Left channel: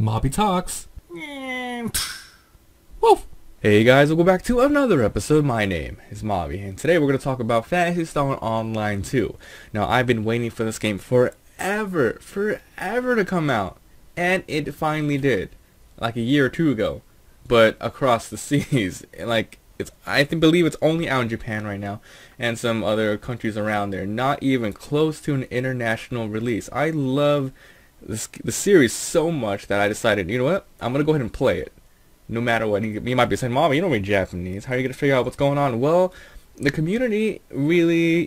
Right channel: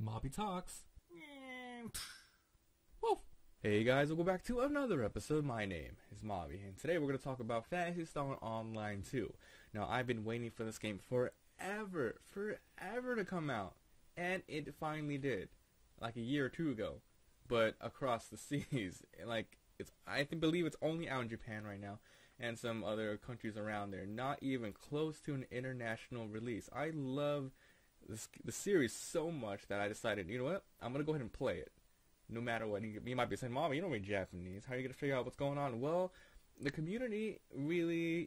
Mabi talks. Woo! Hey guys, welcome back to another episode. My name is Mabi, and today we're going to talk about Phantasy Star Online 2. Now, I've been waiting for this game forever to come out, and it finally did, like a year or two ago, but across the seas. I believe it's only out in Japan right now, and some other countries around there, not even close to an international release. I love the series so much that I decided, you know what, I'm going to go ahead and play it. No matter what. You might be saying, Mom, you don't read Japanese. How are you going to figure out what's going on? Well, the community really,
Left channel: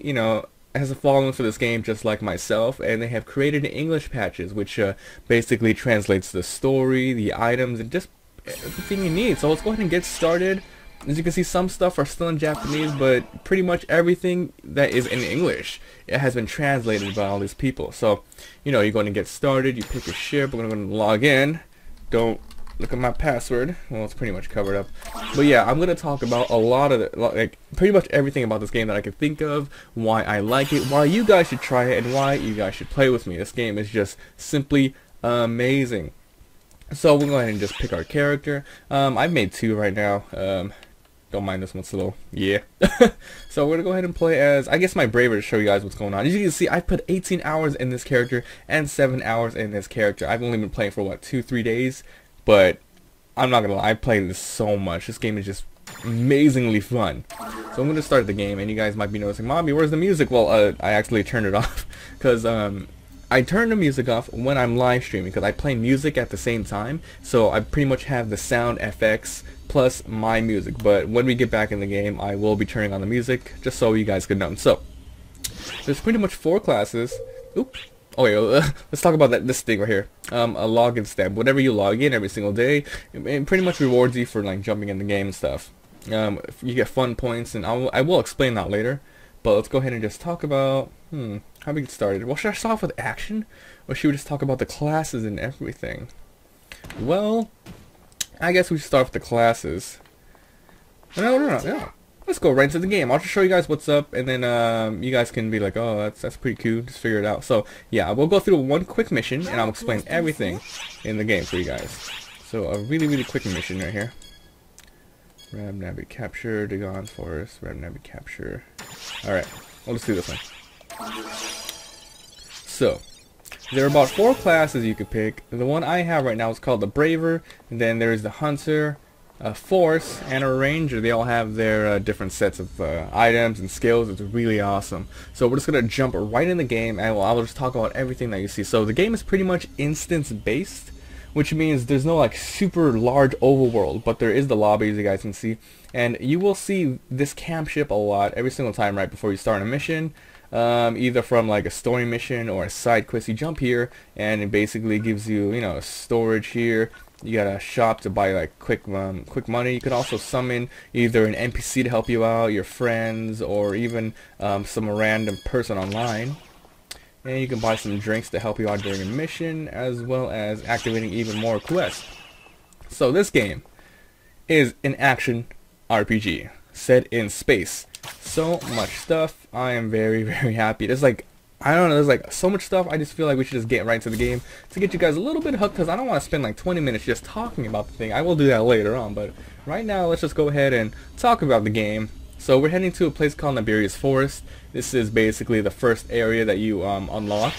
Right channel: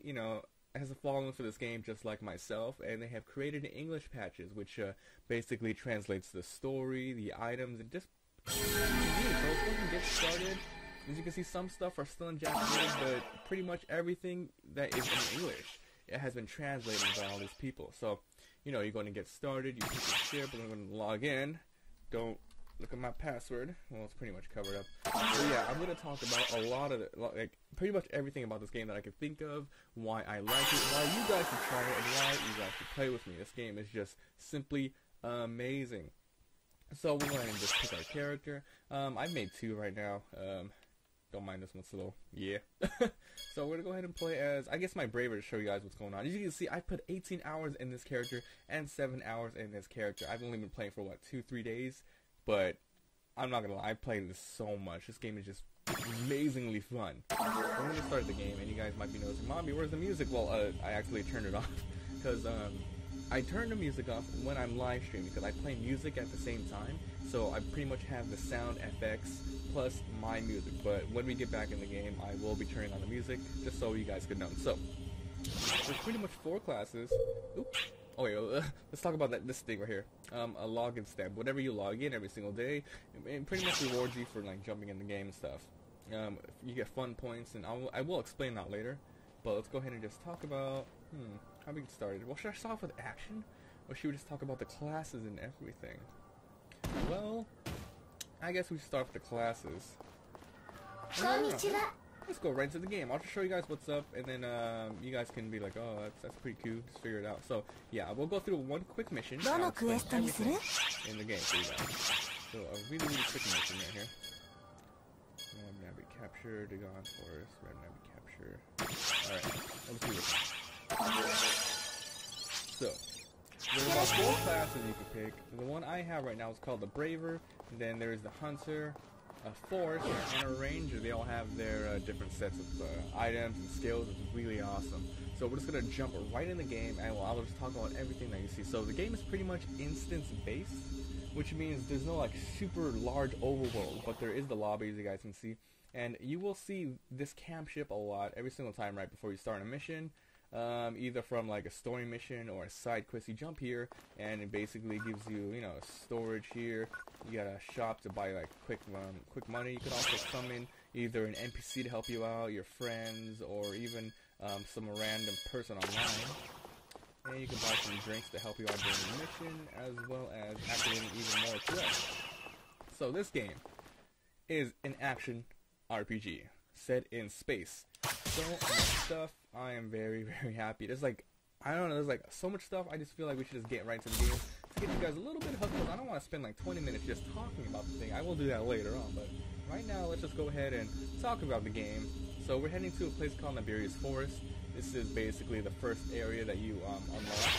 has a following for this game just like myself, and they have created English patches, which basically translates the story, the items, and just everything you need. So let's go ahead and get started. As you can see, some stuff are still in Japanese, but pretty much everything that is in English, it has been translated by all these people. So, you're going to get started, you pick your ship, we're going to log in. Don't look at my password. Well, it's pretty much covered up. But yeah, I'm going to talk about a lot of pretty much everything about this game that I can think of, why I like it, why you guys should try it, and why you guys should play with me. This game is just simply amazing. So we'll go ahead and just pick our character. I've made two right now. Don't mind this one, it's a little, yeah. So we're going to go ahead and play as, I guess, my braver to show you guys what's going on. As you can see, I put 18 hours in this character and 7 hours in this character. I've only been playing for, what, 2-3 days? But I'm not gonna lie, I played this so much. This game is just amazingly fun. So I'm gonna start the game, and you guys might be noticing, Mommy, where's the music? Well, I actually turned it off because I turn the music off when I'm live streaming because I play music at the same time. So I pretty much have the sound FX plus my music. But when we get back in the game, I will be turning on the music just so you guys can know. So there's pretty much 4 classes. Oops. Oh yeah, let's talk about this thing right here. A login stamp. Whenever you log in every single day, it pretty much rewards you for like jumping in the game and stuff. You get fun points, and I will explain that later. But let's go ahead and just talk about how we get started. Well, should I start off with action, or should we just talk about the classes and everything? Well, I guess we should start with the classes. No. Yeah. Let's go right into the game. I'll just show you guys what's up, and then you guys can be like, oh, that's pretty cool. Just figure it out. So yeah, we'll go through one quick mission, and I'll explain everything in the game for you guys. So a really quick mission right here. Ram Nabi capture, Dagon Forest, Ram Nabi capture. Alright, well, let's do this one. So there are about 4 classes you could pick. The one I have right now is called the Braver, and then there's the Hunter, a Force, and a Ranger. They all have their different sets of items and skills. It's really awesome. So we're just going to jump right in the game, and I'll just talk about everything that you see. So the game is pretty much instance based, which means there's no like super large overworld, but there is the lobby, as you guys can see, and you will see this camp ship a lot every single time right before you start a mission. Either from like a story mission or a side quest. You jump here, and it basically gives you, storage here. You got a shop to buy like quick money. You can also summon either an NPC to help you out, your friends, or even some random person online. And you can buy some drinks to help you out during a mission, as well as activating even more quests. So this game is an action RPG set in space. So much stuff. I am very happy. There's like, I don't know, there's like so much stuff. I just feel like we should just get right into the game to get you guys a little bit hooked, because I don't want to spend like 20 minutes just talking about the thing. I will do that later on, but right now let's just go ahead and talk about the game. So we're heading to a place called Nabiri's Forest. This is basically the first area that you unlock.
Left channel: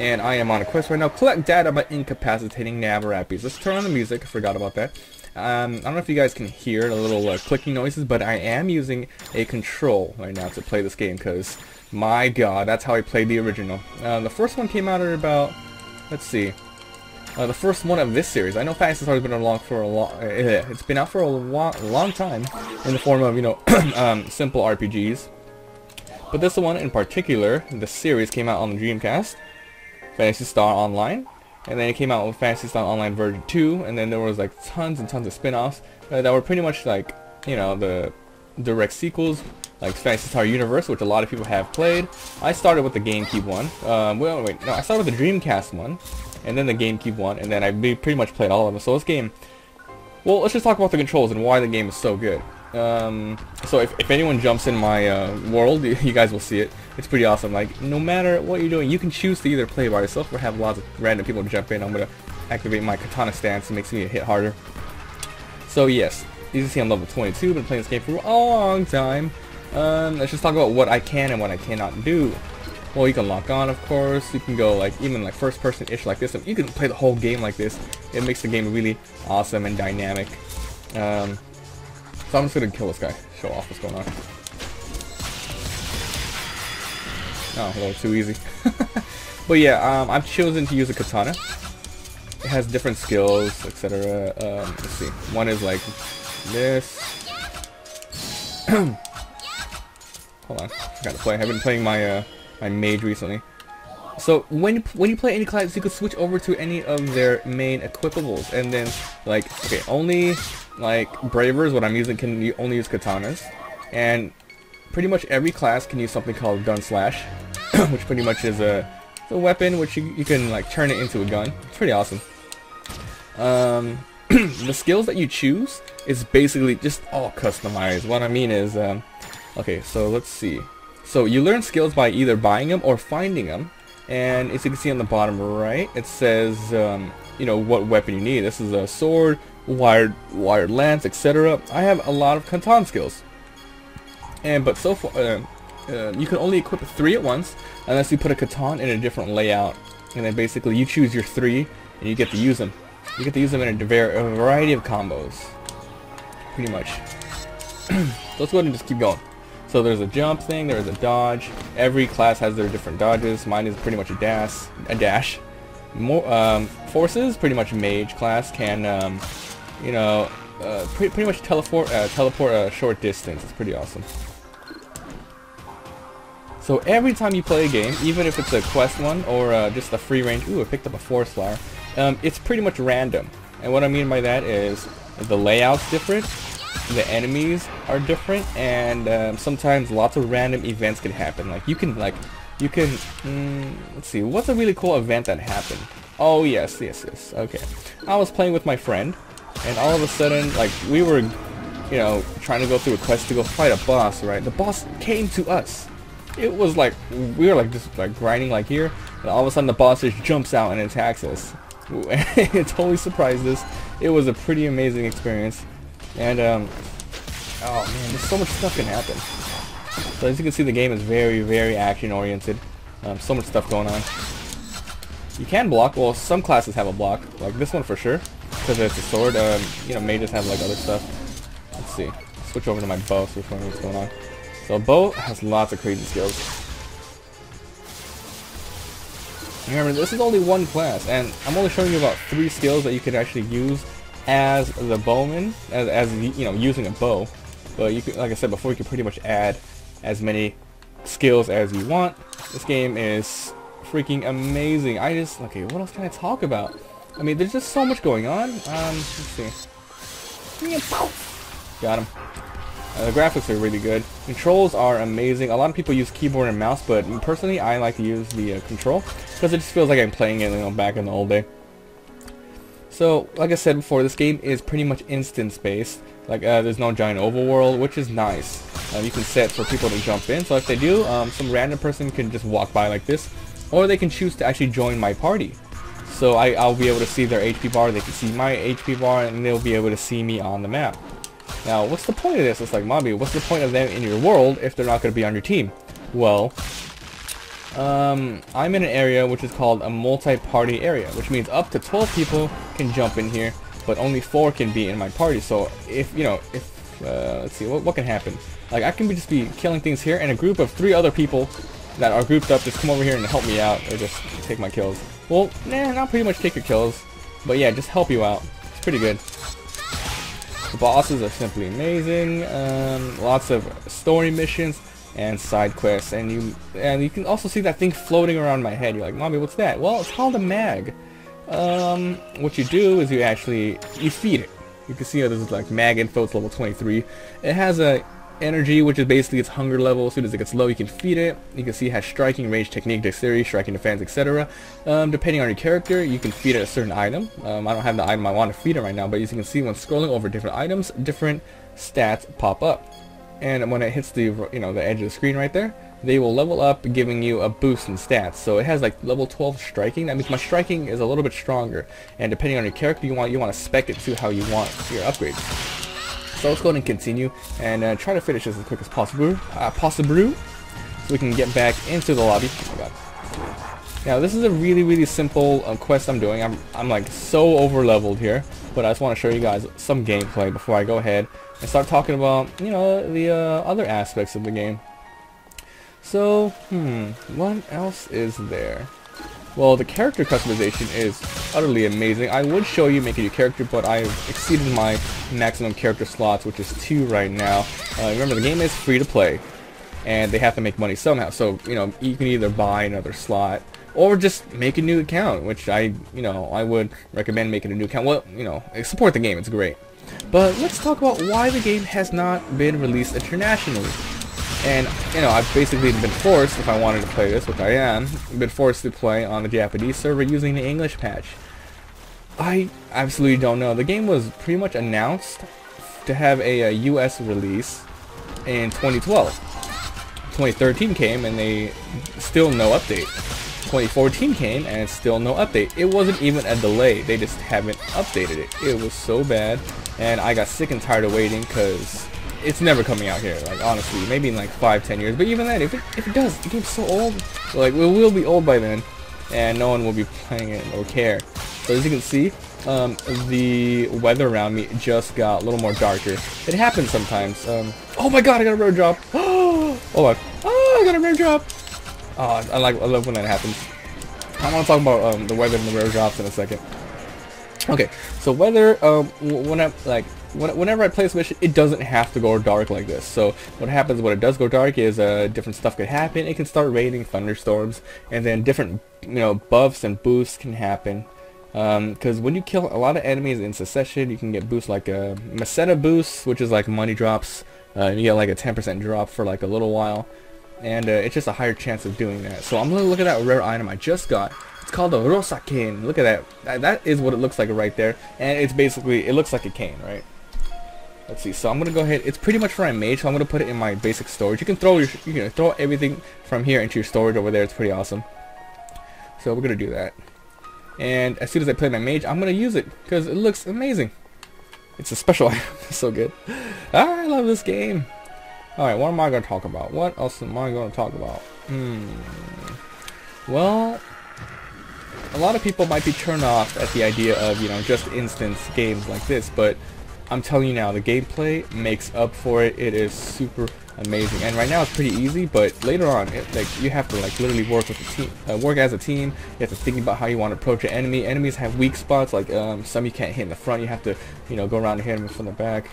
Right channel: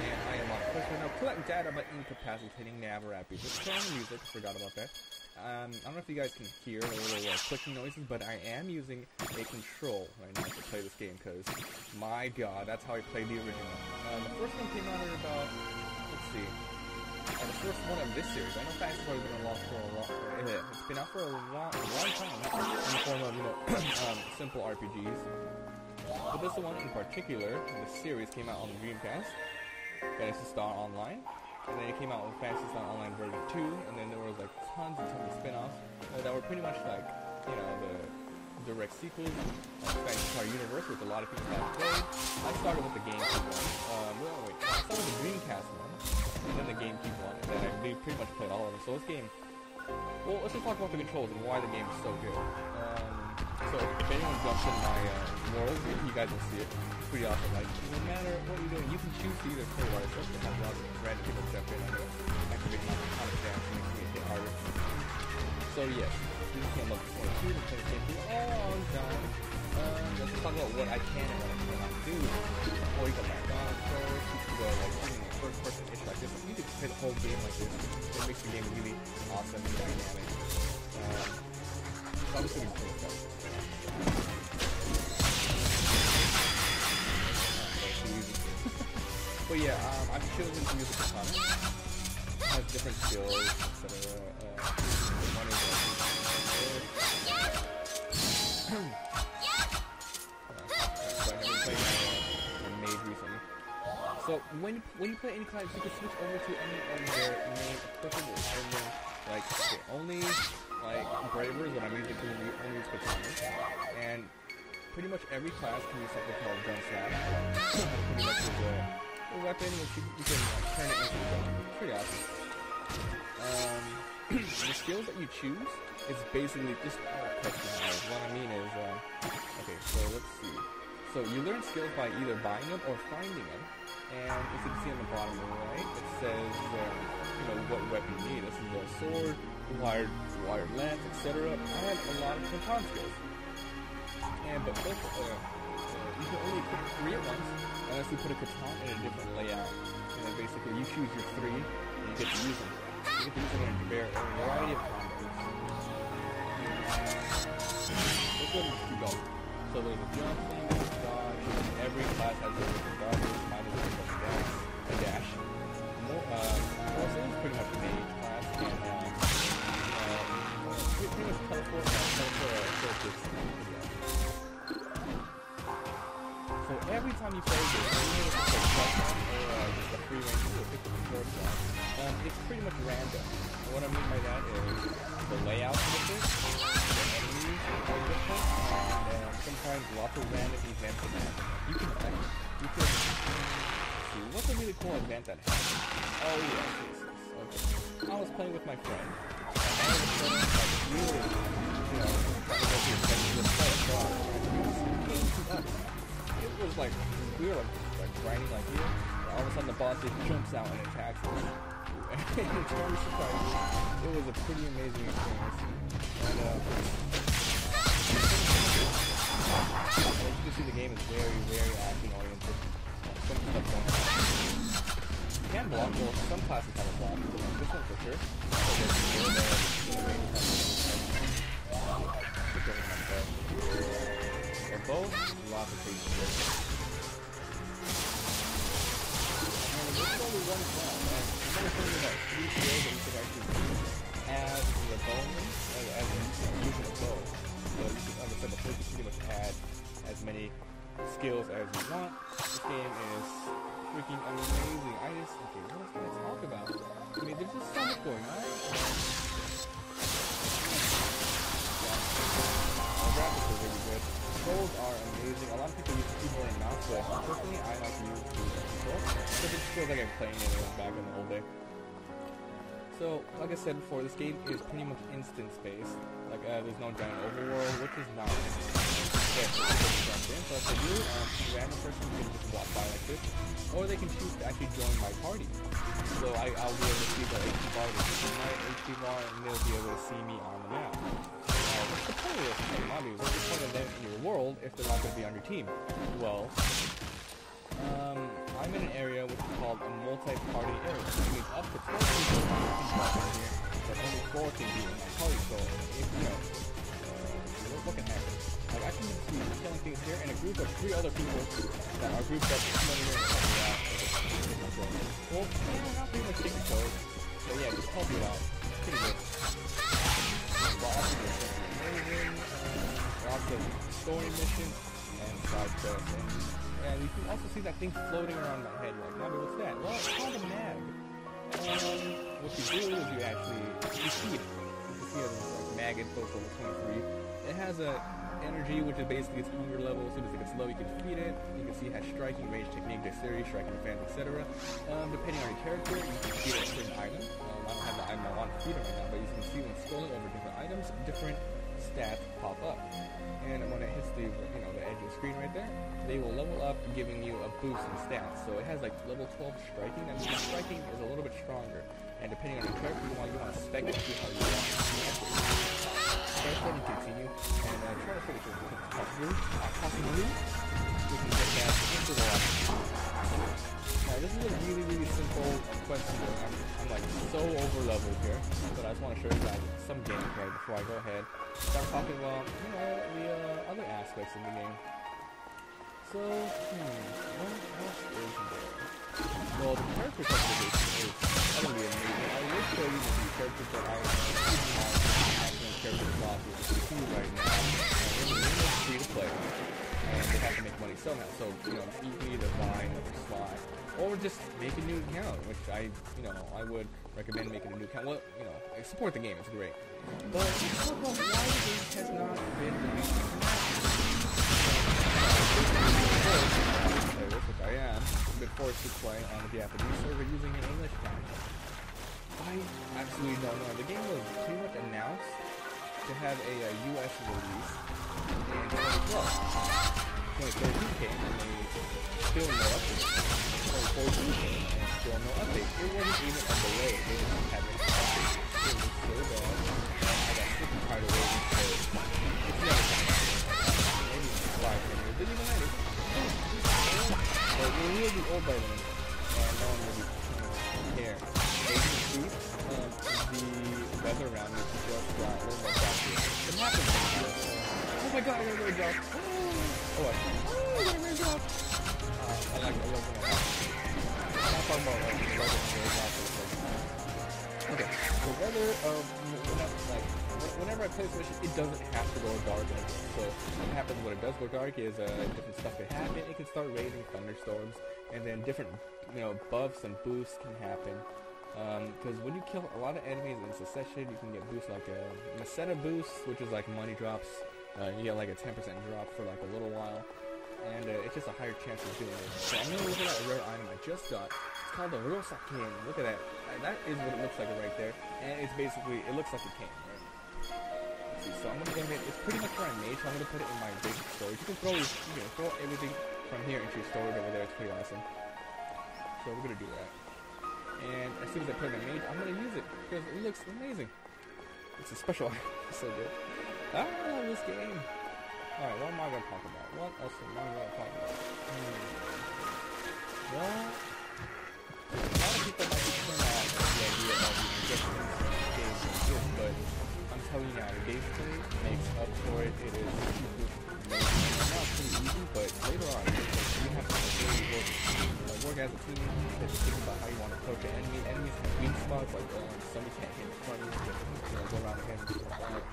And I am on a quest right now. Collect data by incapacitating nav rappies. Let's turn on the music. I forgot about that. I don't know if you guys can hear the little clicking noises, but I am using a control right now to play this game, because my god, that's how I played the original. The first one came out at about, let's see, the first one of this series. I know Phantasy Star has been along for it's been out for a long time in the form of, simple RPGs. But this one in particular, the series came out on the Dreamcast, Phantasy Star Online. And then it came out with Phantasy Star Online version 2, and then there was like tons and tons of spin-offs that were pretty much like, the direct sequels, like Phantasy Star Universe, which a lot of people have played. I started with the GameCube one. I started with the Dreamcast one, and then the GameCube one, and then I pretty much played all of them. So this game, well, let's just talk about the controls and why the game is so good. So if anyone jumps in my world, you guys will see it. It's pretty awesome. Like, no matter what you're doing, you can choose to either play by yourself or have lots of random people jump in. I'm gonna activate my katana stance. It makes me hit harder. So yes, you can see I'm level 22. Been playing this game for a long time. Let's just talk about what I can and what I cannot do. Well, you can lock on, of course. You can go like even like first person-ish like this. You can play the whole game like this. It makes the game really awesome and dynamic. So I'm just gonna kill this guy. Show off what's going on. Oh, that was too easy. But yeah, I've chosen to use a katana. It has different skills, etc. Let's see. One is like this. Hold on, I gotta play. I've been playing my my mage recently. So when you play any class, you can switch over to any of their main equipables, and then like okay, only like bravers, what I'm using, can only use katanas, and pretty much every class can use something called gun slash, which pretty much is a weapon which you can like turn it into a gun. It's pretty awesome. The skills that you choose is basically just all customized. What I mean is, okay, so let's see. So you learn skills by either buying them or finding them. And as you can see on the bottom right, it says, you know, what weapon you need. This is a sword, wired lance, etc. I have a lot of katana skills. But so far, you can only equip 3 at once, unless you put a katana in a different layout. And then basically you choose your 3, and you get to use them. You get to use them in a variety of combos. Pretty much. Let's go ahead and just keep going. So there's a jump thing, there's a dodge. Every class has their different dodges. Mine is pretty much a dash. More forces, pretty much mage class can, you know, pretty much teleport a short distance. It's pretty awesome. So every time you play a game, even if it's a quest one or just a free range, ooh, I picked up a 4-star. It's pretty much random. And what I mean by that is the layout's different. The enemies are different, and sometimes lots of random events can happen. Like you can, let's see, what's a really cool event that happened? Oh yes. Okay, I was playing with my friend, and all of a sudden, like we were, you know, trying to go through a quest to go fight a boss. Right, the boss came to us. It was like we were like just like grinding like here, and all of a sudden the boss just jumps out and attacks us. It totally surprised us. It was a pretty amazing experience. And, oh, so much stuff can happen. So as you can see, the game is very, very action-oriented. So much stuff going on. You can block. Well, some classes have a block. Like this one for sure. So there's a sword. You know, mages have like other stuff. Let's see. Switch over to my bow. So what's going on. So bow has lots of crazy skills. Remember, this is only one class, and I'm only showing you about 3 skills that you can actually use as the bowman, as you know, using a bow. But you can, like I said before, you can pretty much add as many skills as you want. This game is freaking amazing. Okay, what else can I talk about? I mean, there's just so much going on. Let's see. Got him. The graphics are really good. Controls are amazing. A lot of people use keyboard and mouse, but personally, I like to use the control because it just feels like I'm playing it, you know, back in the old day. So, like I said before, this game is pretty much instance-based. Like, there's no giant overworld, which is nice. You can set for people to jump in. So if they do, some random person can just walk by like this, or they can choose to actually join my party. So I'll be able to see their HP bar, they can see my HP bar, and they'll be able to see me on the map. Now, what's the point of this? It's like, Mabi, what's the point of them in your world if they're not going to be on your team? Well, I'm in an area which is called a multi-party area, which means up to 12 people can jump in here, but only 4 can be in my party. So if, you know, let's see, what can happen? Like, I can just be killing things here, and a group of 3 other people that are grouped up just come over here and help me out, or just take my kills. Well, not pretty much take your kills, but yeah, just help you out. It's pretty good. The bosses are simply amazing. Lots of story missions and side quests, and you can also see that thing floating around my head. You're like, Mabi, what's that? Well, it's called a mag. What you do is you feed it. You can see how this is like mag info. It's level 23. It has a energy, which is basically its hunger level. As soon as it gets low, you can feed it. You can see it has striking, range, technique, dexterity, striking, defense, etc. Depending on your character, you can feed it a certain item. I don't have the item I want to feed it right now, but as you can see when scrolling over different items, different stats pop up, and when it hits the the edge of the screen right there, they will level up, giving you a boost in stats. So it has like level 12 striking. That means my striking is a little bit stronger, and depending on your character, you want to spec it to how you want your upgrade. So let's go ahead and continue and try to finish this as quick as possible. So we can get back into the lobby. Now this is a really simple quest I'm doing. I'm like so over leveled here, but I just want to show you guys some gameplay before I go ahead and start talking about the other aspects of the game. So, what else is there? Well, the character customization is utterly amazing. I would show you making your character, but I've exceeded my maximum character slots, which is 2 right now. Remember, the game is free to play, and they have to make money somehow. So, you can either buy another slot, or just make a new account, which I would recommend making a new account. Well, support the game, it's great. But let's talk about why the game has not been released internationally. And, I've basically been forced, if I wanted to play this, which I am, been forced to play on the Japanese server using the English patch. I absolutely don't know. The game was pretty much announced to have a US release in 2012. 2013 came and they still no update. 2014 came and it's still no update. It wasn't even a delay, they just haven't updated it. It was so bad, and I got sick and tired of waiting because it's never coming out here, like honestly, maybe in like 5-10 years, but even then, if it does, it gets so old, so, like, it will be old by then, and no one will be playing it or care. So as you can see, the weather around me just got a little more darker. It happens sometimes. Oh my god, I got a rare drop! Oh my, I got a rare drop! I love when that happens. I want to talk about the weather and the rare drops in a second. Okay, so weather, whenever I play this mission, it doesn't have to go dark like this. So what happens when it does go dark is different stuff could happen. It can start raining, thunderstorms, and then different buffs and boosts can happen. Because when you kill a lot of enemies in succession, you can get boosts like a Meseta boost, which is like money drops. You get like a 10% drop for like a little while, and it's just a higher chance of doing that. So I'm gonna look at that rare item I just got. It's called a Rosa cane. Look at that. That is what it looks like right there, and it's basically, it looks like a cane, right? Let's see. So I'm gonna go ahead. It's pretty much for my mage, so I'm gonna put it in my basic storage. You can throw everything from here into your storage over there. It's pretty awesome. So we're gonna do that. And as soon as I play my mage, I'm gonna use it because it looks amazing. It's a special item. It's so good. I love this game. Alright, what am I gonna talk about? What else am I gonna talk about? Well, a lot of people might be turned off at the idea of, just instance games like this, but I'm telling you now, the gameplay makes up for it. It is super amazing, and right now it's pretty easy, but later on, you have to literally work as a team. You have to think about how you want to approach an enemy. Enemies have weak spots, like some you can't hit in the front. You have to, go around and hit them from the back.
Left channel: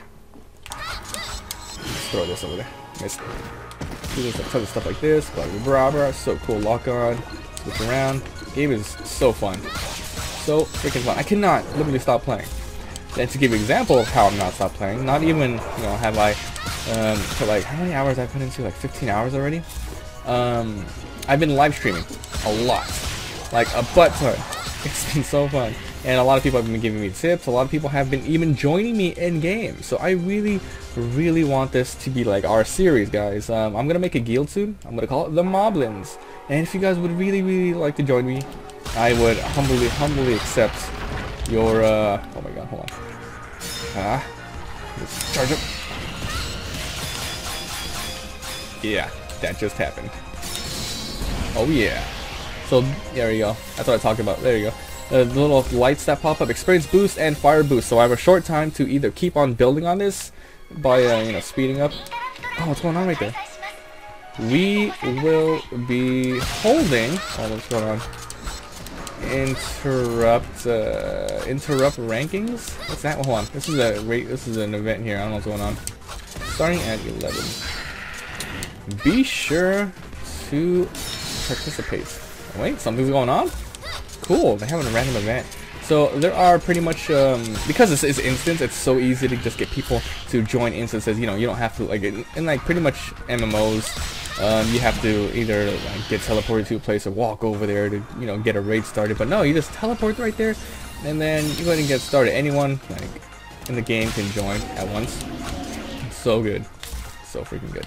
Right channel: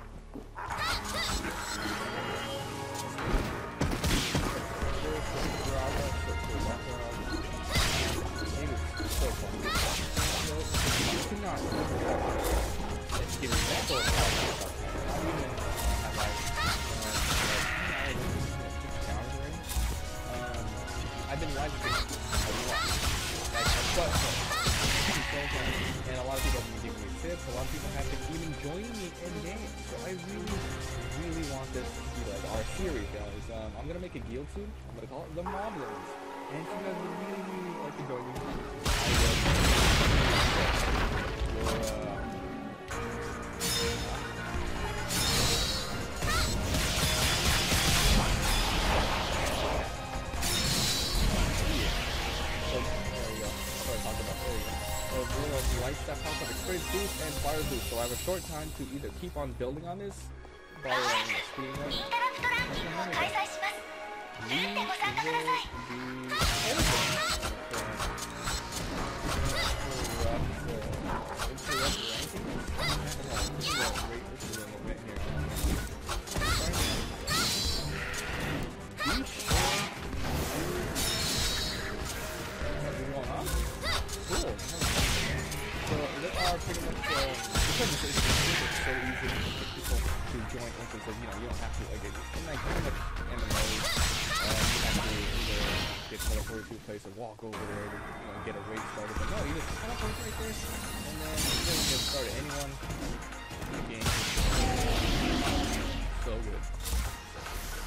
Just throw this over there. Missed it. You can play stuff like this, like the grabber. So cool. Lock on. Look around. Game is so fun. So freaking fun. I cannot literally stop playing. And to give you an example of how I'm not stop playing, not even have I put like, how many hours I've put into, like 15 hours already. I've been live streaming a lot, like a butt ton. It's been so fun, and a lot of people have been giving me tips. A lot of people have been even joining me in game. So I really want this to be like our series, guys. I'm gonna make a guild soon. I'm gonna call it the Mablins. And if you guys would really like to join me, I would humbly accept your oh my god, hold on. Charge it. Yeah, that just happened. Oh yeah. So there you go. That's what I talked about. There you go. The little lights that pop up, experience boost and fire boost. So I have a short time to either keep on building on this by speeding up. Oh, what's going on right there? We will be holding. Oh, what's going on? Interrupt rankings. What's that? Hold on. This is an event here. I don't know what's going on. Starting at 11. Be sure to participate. Wait, something's going on? Cool, they're having a random event. So there are pretty much, because this is instance, it's so easy to just get people to join instances. You don't have to, like, in like pretty much MMOs, you have to either get teleported to a place or walk over there to, get a raid started. But no, you just teleport right there, and then you go ahead and get started. Anyone in the game can join at once. so good. So freaking good.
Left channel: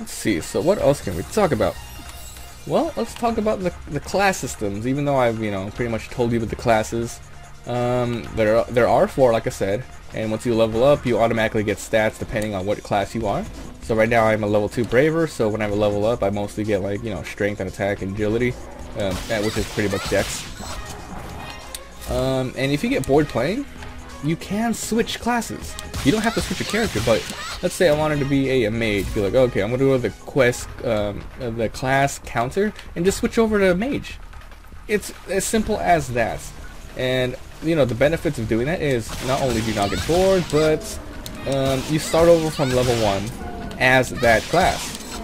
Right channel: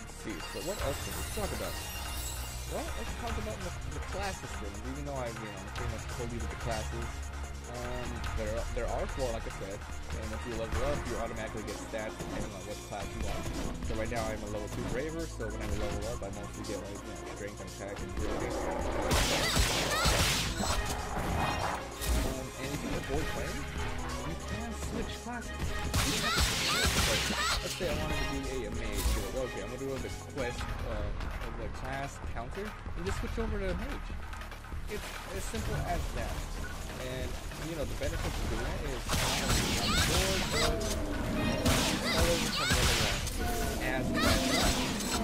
Let's see, so what else can we talk about? Well, let's talk about the class systems, even though I've, pretty much told you about the classes. There are 4, like I said, and once you level up, you automatically get stats depending on what class you are. So right now I'm a level 2 Braver, so when I level up, I mostly get like, strength and attack and agility, which is pretty much dex. And if you get bored playing, you can switch classes. You don't have to switch a character, but let's say I wanted to be a mage. You're like, okay, I'm gonna go to the quest, the class counter, and just switch over to mage. It's as simple as that. And the benefits of doing that is not only do you not get bored, but you start over from level 1 as that class.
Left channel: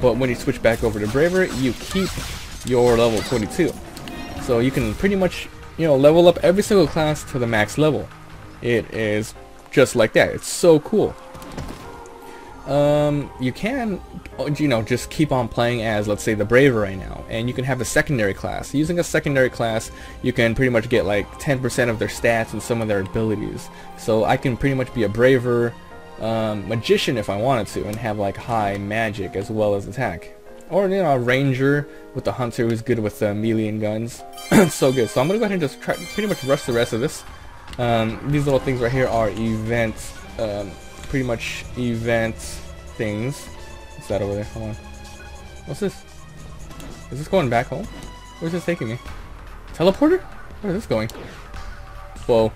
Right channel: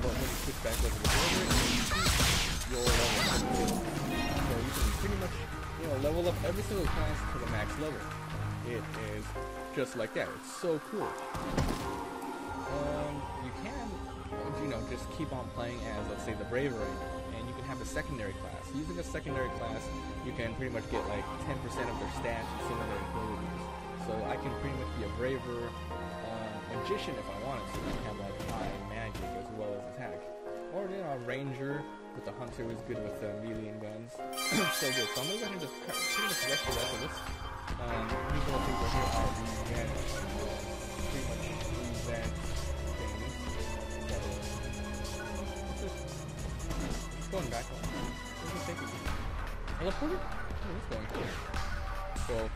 But when you switch back over to Braver, you keep your level 22. So you can pretty much level up every single class to the max level. It is just like that. It's so cool. You can, just keep on playing as, let's say, the Braver right now, and you can have a secondary class. Using a secondary class, you can pretty much get like 10% of their stats and some of their abilities. So I can pretty much be a Braver magician if I wanted to, and have like high magic as well as attack. Or a ranger with the hunter who's good with melee and guns. So good. So I'm gonna go ahead and just try, pretty much rush the rest of this. These little things right here are event, pretty much event things. What's that over there? Hold on. What's this? Is this going back home? Where's this taking me? Teleporter? Where is this going? Whoa.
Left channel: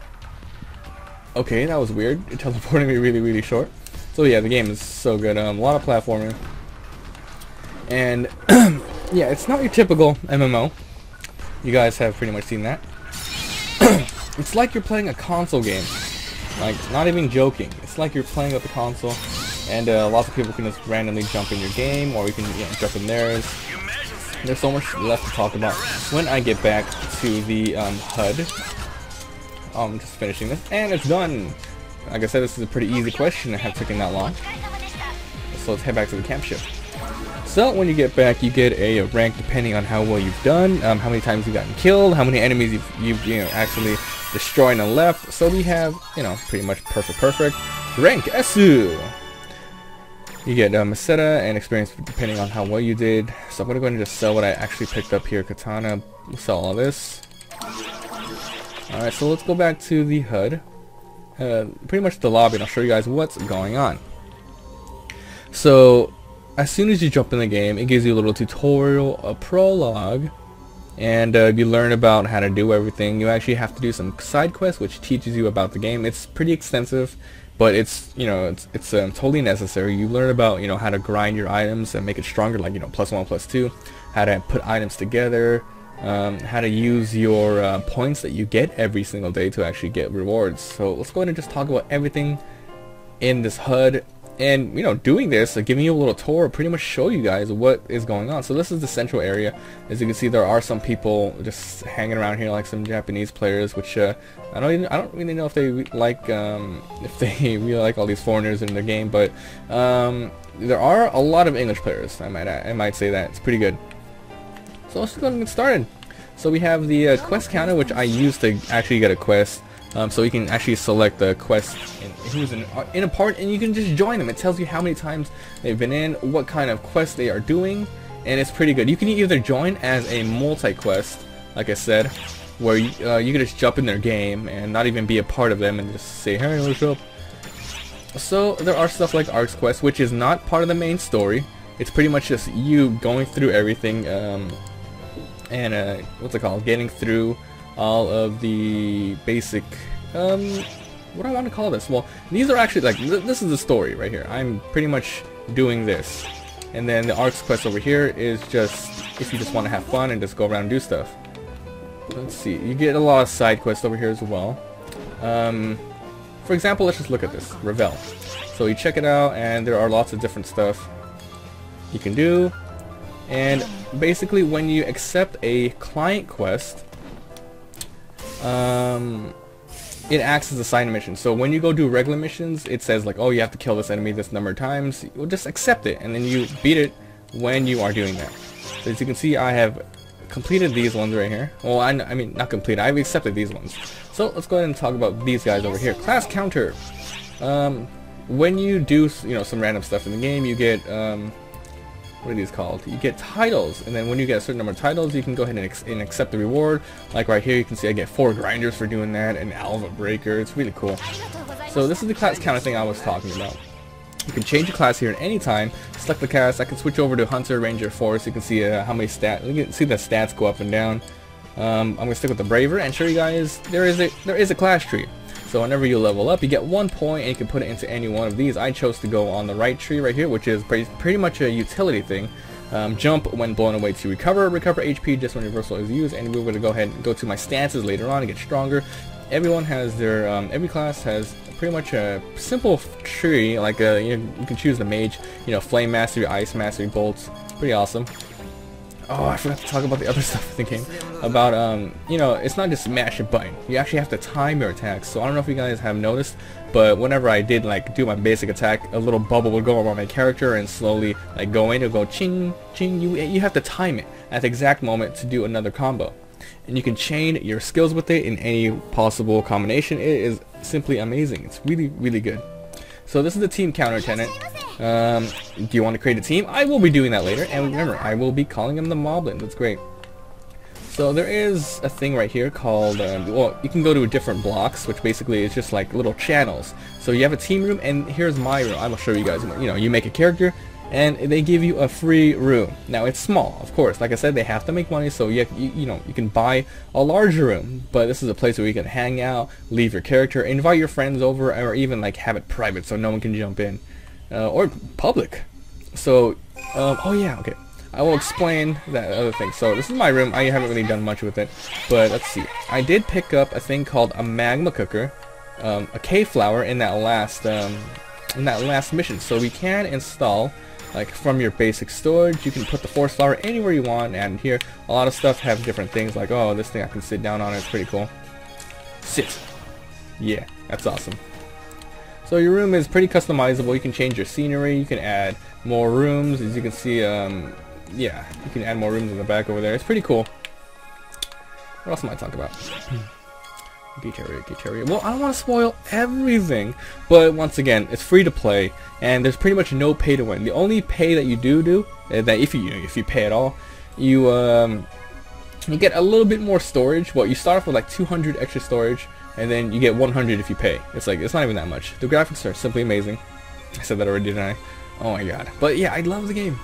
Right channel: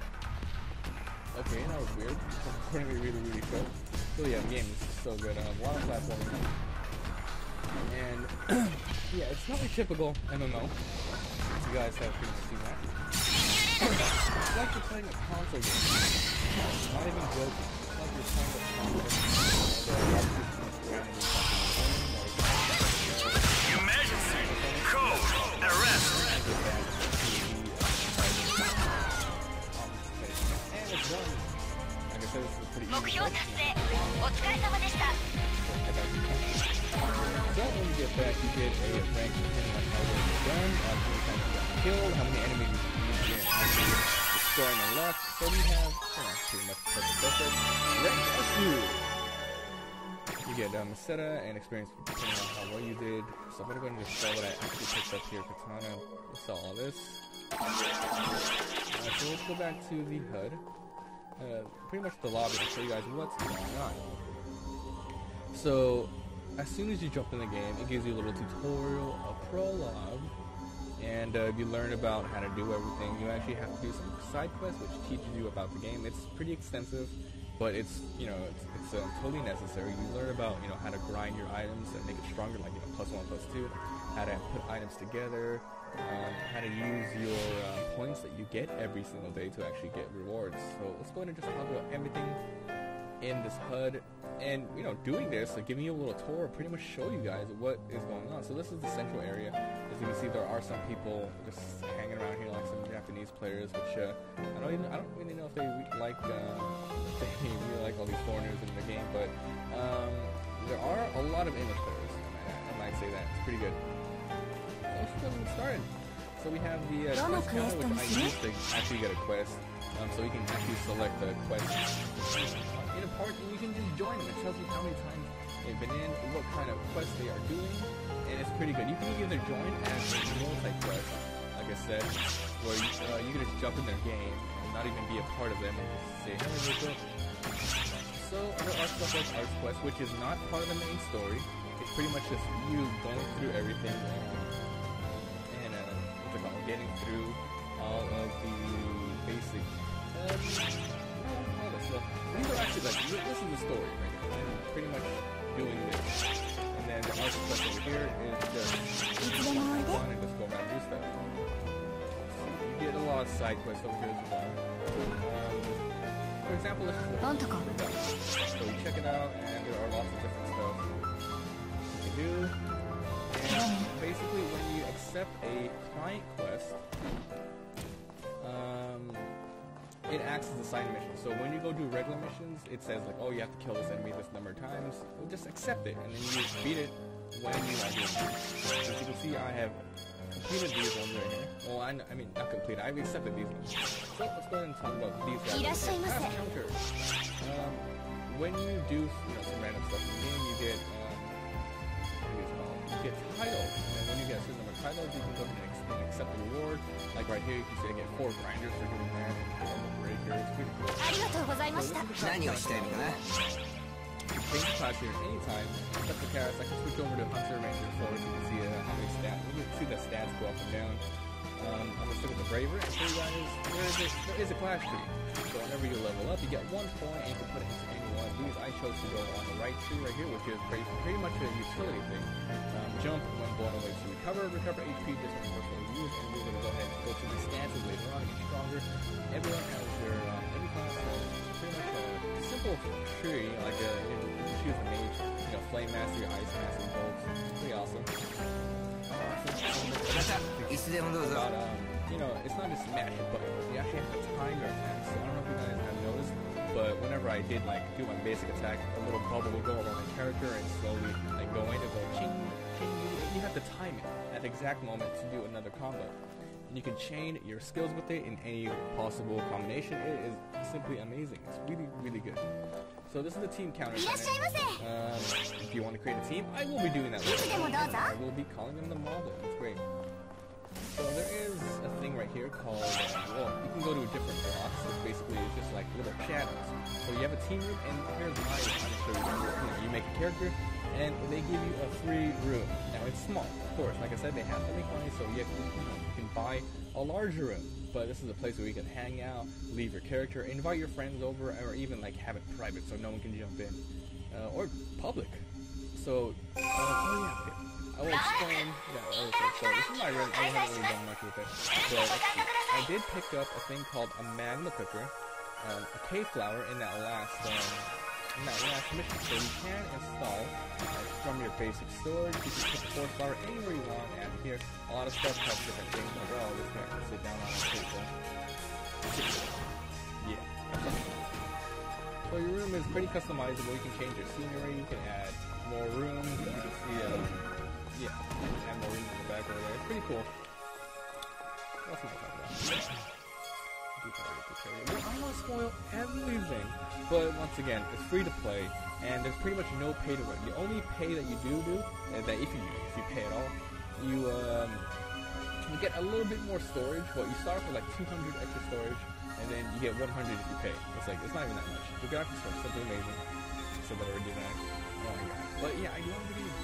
Okay, that was weird. It teleported me really short. So yeah, the game is so good. A lot of platforming. And yeah, it's not your typical MMO. You guys have pretty much seen that. It's like you're playing a console game. Like, not even joking. It's like you're playing with the console, and lots of people can just randomly jump in your game, or you can jump in theirs. And there's so much left to talk about when I get back to the HUD. I'm just finishing this, and it's done. Like I said, this is a pretty easy question. It hasn't taken that long. So let's head back to the camp ship. So when you get back, you get a rank depending on how well you've done, how many times you've gotten killed, how many enemies you've actually destroyed and left. So we have, pretty much perfect. Rank SU. You get Meseta and experience depending on how well you did. So I'm gonna go ahead and just sell what I actually picked up here. Katana, we'll sell all this. Alright, so let's go back to the HUD. Pretty much the lobby, and I'll show you guys what's going on. So as soon as you jump in the game, it gives you a little tutorial, a prologue, and you learn about how to do everything. You actually have to do some side quests, which teaches you about the game. It's pretty extensive, but it's it's totally necessary. You learn about how to grind your items and make it stronger, like +1, +2, how to put items together, how to use your points that you get every single day to actually get rewards. So let's go ahead and just talk about everything in this HUD. And doing this, giving you a little tour, pretty much show you guys what is going on. So this is the central area. As you can see, there are some people just hanging around here, like some Japanese players, which I don't really know if they like really like all these foreigners in the game, but there are a lot of English players. I might say that it's pretty good. So let's go ahead and get started. So we have the quest counter, which I used to actually get a quest. So you can actually select the quest who's in a part, and you can just join them. It tells you how many times they've been in, what kind of quest they are doing, and it's pretty good. You can either join as a multi-quest, like I said, where you can just jump in their game and not even be a part of them and just say, hey, what's up? So there are stuff like Arcs Quest, which is not part of the main story. It's pretty much just you going through everything, and what's it called? Getting through all of the basic, what do I want to call this? Well, these are actually like, this is the story right here. I'm pretty much doing this. And then the Arcs Quest over here is just, if you just want to have fun and just go around and do stuff. Let's see, you get a lot of side quests over here as well. For example, let's just look at this, Revel. So you check it out, and there are lots of different stuff you can do. And basically when you accept a client quest, it acts as a side mission. So when you go do regular missions, it says like, oh, you have to kill this enemy this number of times. You'll just accept it, and then you beat it when you are doing that. So as you can see, I have completed these ones right here. Well, I mean, not completed. I've accepted these ones. So let's go ahead and talk about these guys over here. Class counter. when you do, you know, some random stuff in the game, you get what are these called? You get titles, and then when you get a certain number of titles, you can go ahead and accept the reward. Like right here, you can see I get 4 grinders for doing that, and Alpha Breaker. It's really cool. So this is the class kind of thing I was talking about. You can change your class here at any time. Select the class. I can switch over to Hunter, Ranger, Force. You can see how many stats. You can see the stats go up and down. I'm gonna stick with the Braver and show you guys there is a class tree. So whenever you level up, you get 1 point, and you can put it into any one of these. I chose to go on the right tree right here, which is pretty much a utility thing. Jump when blown away to recover HP just when reversal is used, and we're going to go ahead and go to my stances later on to get stronger. Everyone has their, every class has pretty much a simple tree, like you can choose the mage, you know, flame mastery, ice mastery, bolts. Pretty awesome. Oh, I forgot to talk about the other stuff in the game. About, you know, it's not just smash a button. You actually have to time your attacks. So I don't know if you guys have noticed, but whenever I did, like, do my basic attack, a little bubble would go around my character and slowly, like, go in. It would go ching, ching. You have to time it at the exact moment to do another combo. And you can chain your skills with it in any possible combination. It is simply amazing. It's really, really good. So this is the team counter, Tenant. Do you want to create a team? I will be doing that later, and remember, I will be calling him the Mablin. That's great. So there is a thing right here called, well, you can go to different blocks, which basically is just like little channels. So you have a team room, and here's my room. I will show you guys. You know, you make a character, and they give you a free room. Now it's small, of course. Like I said, they have to make money, so you know, you can buy a larger room. But this is a place where you can hang out, leave your character, invite your friends over, or even like have it private so no one can jump in, or public. So, oh yeah, okay. I will explain that other thing. So this is my room. I haven't really done much with it, but let's see. I did pick up a thing called a magma cooker, a cave flower in that last mission. So we can install, like, from your basic storage, you can put the force flower anywhere you want. And here, a lot of stuff have different things. Like, oh, this thing I can sit down on. It's pretty cool. Sit. Yeah, that's awesome. So your room is pretty customizable. You can change your scenery. You can add more rooms, as you can see. Yeah, you can add more rooms in the back over there. It's pretty cool. What else am I talking about? Beach area. Well, I don't want to spoil everything, but once again, it's free to play, and there's pretty much no pay to win. The only pay that you do that if you pay at all, you get a little bit more storage. Well, you start off with like 200 extra storage, and then you get 100 if you pay. It's like, it's not even that much. The graphics are simply amazing. I said that already, didn't I? Oh my god. But yeah, I love the game.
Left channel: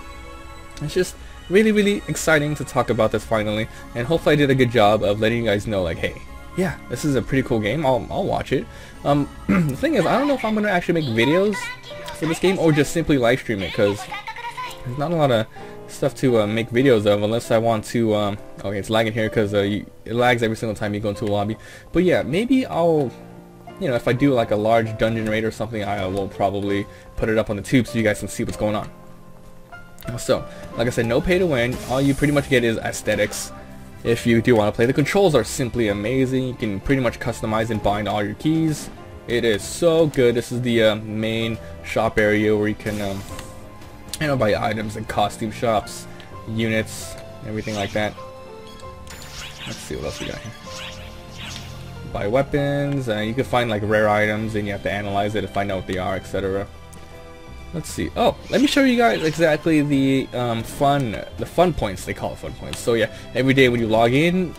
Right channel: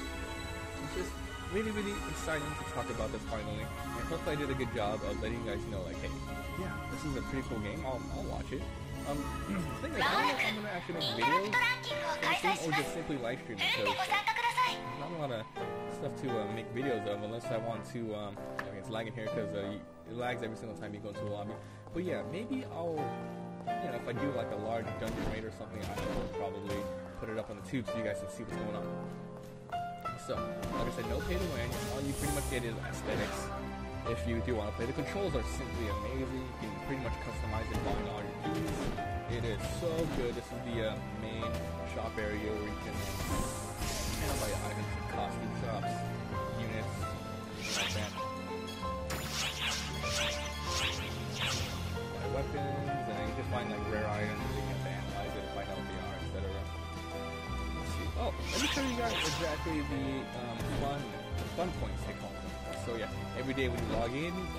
It's just really, really exciting to talk about this finally, and hopefully I did a good job of letting you guys know, like, hey, yeah, this is a pretty cool game. I'll watch it. The thing is, I don't know if I'm gonna actually make videos for this game or just simply live stream it, because there's not a lot of stuff to make videos of unless I want to. Okay, it's lagging here because it lags every single time you go into a lobby. But yeah, maybe I'll, you know, if I do like a large dungeon raid or something, I will probably put it up on the tube so you guys can see what's going on. So, like I said, no pay to win. All you pretty much get is aesthetics. If you do want to play, the controls are simply amazing. You can pretty much customize and bind all your keys. It is so good. This is the main shop area where you can, you know, buy items and costume shops, units, everything like that. Let's see what else we got here. Buy weapons. You can find like rare items, and you have to analyze it to find out what they are, etc. Let's see. Oh, let me show you guys exactly the fun points. They call it fun points. So yeah, every day when you log in,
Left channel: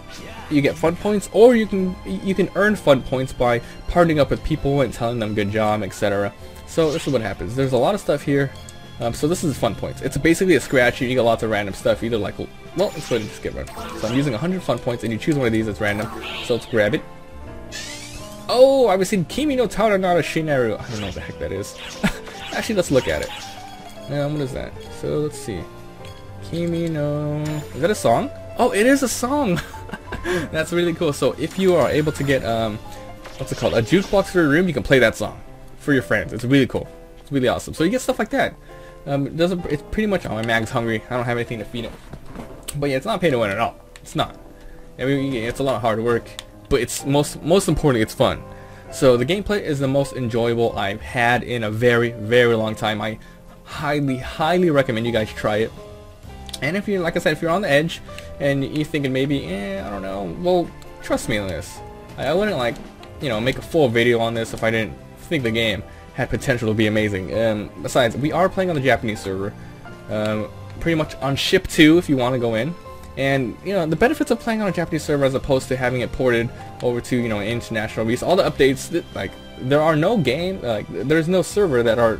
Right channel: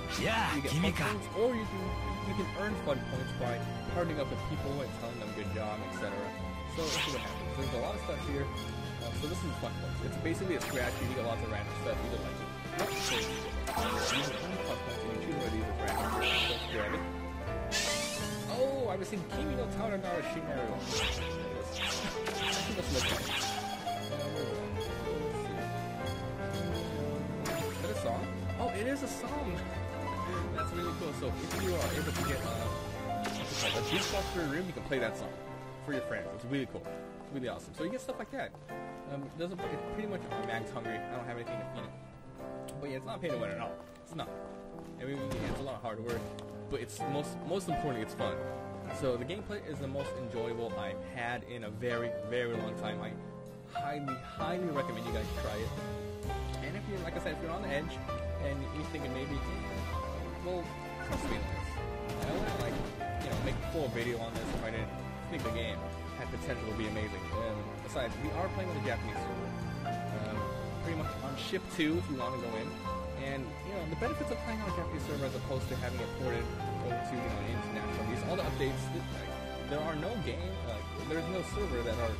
you get fun points, or you can earn fun points by partnering up with people and telling them good job, etc. So this is what happens. There's a lot of stuff here. So this is fun points. It's basically a scratch. You get lots of random stuff. Either like, well, let's go ahead and skip it. So I'm using 100 fun points, and you choose one of these that's random. So let's grab it. Oh, I was in Kimi no Taranara Shinaru. I don't know what the heck that is. Actually, let's look at it. What is that? So let's see. Kimi no... Is that a song? Oh, it is a song! That's really cool. So if you are able to get, what's it called? A jukebox for your room, you can play that song for your friends. It's really cool. It's really awesome. So you get stuff like that. It's pretty much, oh, my mag's hungry. I don't have anything to feed him. But yeah, it's not pay to win at all. It's not. I mean, it's a lot of hard work, but it's most importantly, it's fun. So the gameplay is the most enjoyable I've had in a very, very long time. I highly, highly recommend you guys try it. And if you're, like I said, if you're on the edge and you're thinking maybe, I don't know, well, trust me on this. I wouldn't, like, you know, make a full video on this if I didn't think the game had potential to be amazing. Besides, we are playing on the Japanese server, pretty much on ship 2 if you want to go in. And you know, the benefits of playing on a Japanese server as opposed to having it ported over to, you know, an international release, all the updates, like there are no there's no server that are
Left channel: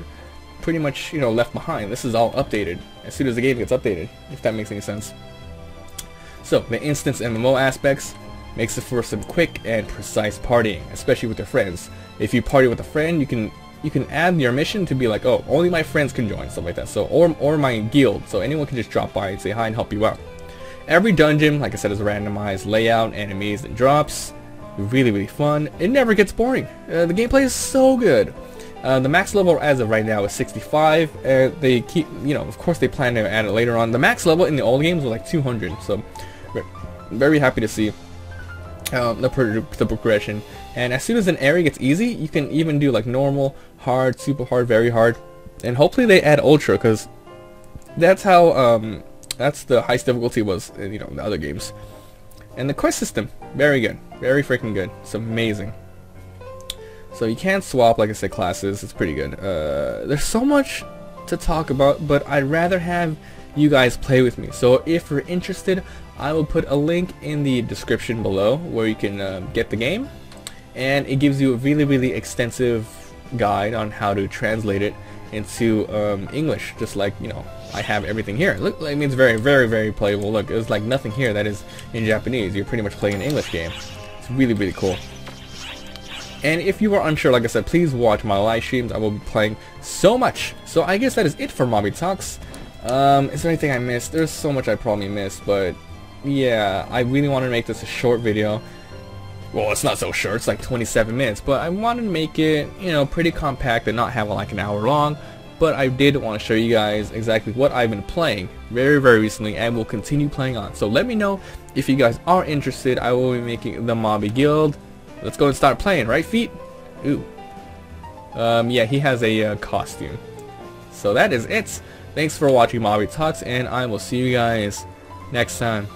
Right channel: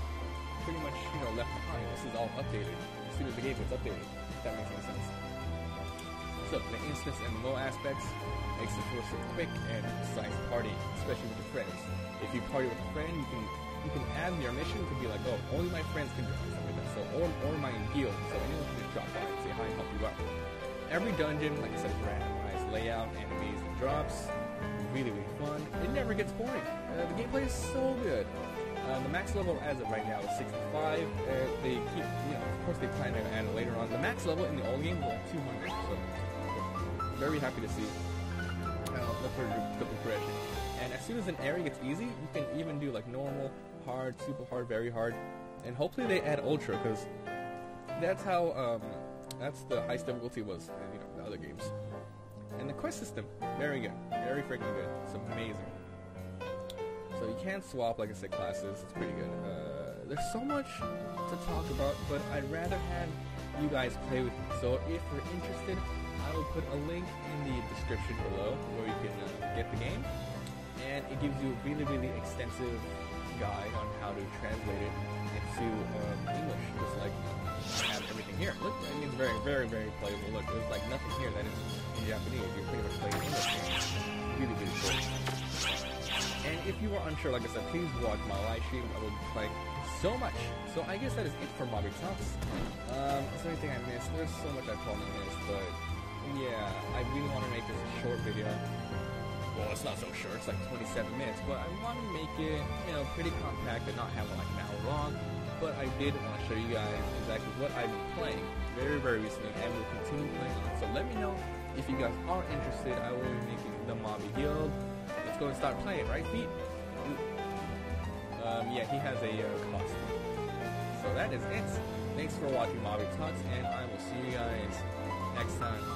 pretty much, you know, left behind. This is all updated as soon as the game gets updated, if that makes any sense. So the instance MMO aspects makes it for some quick and precise partying, especially with your friends. If you party with a friend, you can add your mission to be like, oh, only my friends can join, stuff like that. So or my guild, so anyone can just drop by and say hi and help you out. Every dungeon, like I said, is a randomized layout, enemies and drops. Really, really fun. It never gets boring. The gameplay is so good. The max level as of right now is 65. They keep, you know, of course they plan to add it later on. The max level in the old games was like 200, so very happy to see the progression. And as soon as an area gets easy, you can even do like normal, hard, super hard, very hard, and hopefully they add ultra, because that's how that's the highest difficulty was in, you know, in the other games. And the quest system, very good, very freaking good. It's amazing. So you can't swap, like I said, classes. It's pretty good. There's so much to talk about, but I'd rather have you guys play with me. So if you're interested, I will put a link in the description below where you can get the game, and it gives you a really, really extensive guide on how to translate it into English, just like, you know, I have everything here. Look, I mean, it's very, very, very playable. Look, there's like nothing here that is in Japanese. You're pretty much playing an English game. It's really, really cool. And if you are unsure, like I said, please watch my live streams. I will be playing so much. So I guess that is it for Mabi Talks. Is there anything I missed? There's so much I probably missed, but yeah, I really want to make this a short video. Well, it's not so short, it's like 27 minutes, but I want to make it, you know, pretty compact and not have it like an hour long. But I did want to show you guys exactly what I've been playing very, very recently and will continue playing on. So let me know if you guys are interested. I will be making the Mabi Guild. Let's go and start playing, right, feet? Ooh. Yeah, he has a costume. So that is it. Thanks for watching Mabi Talks, and I will see you guys next time.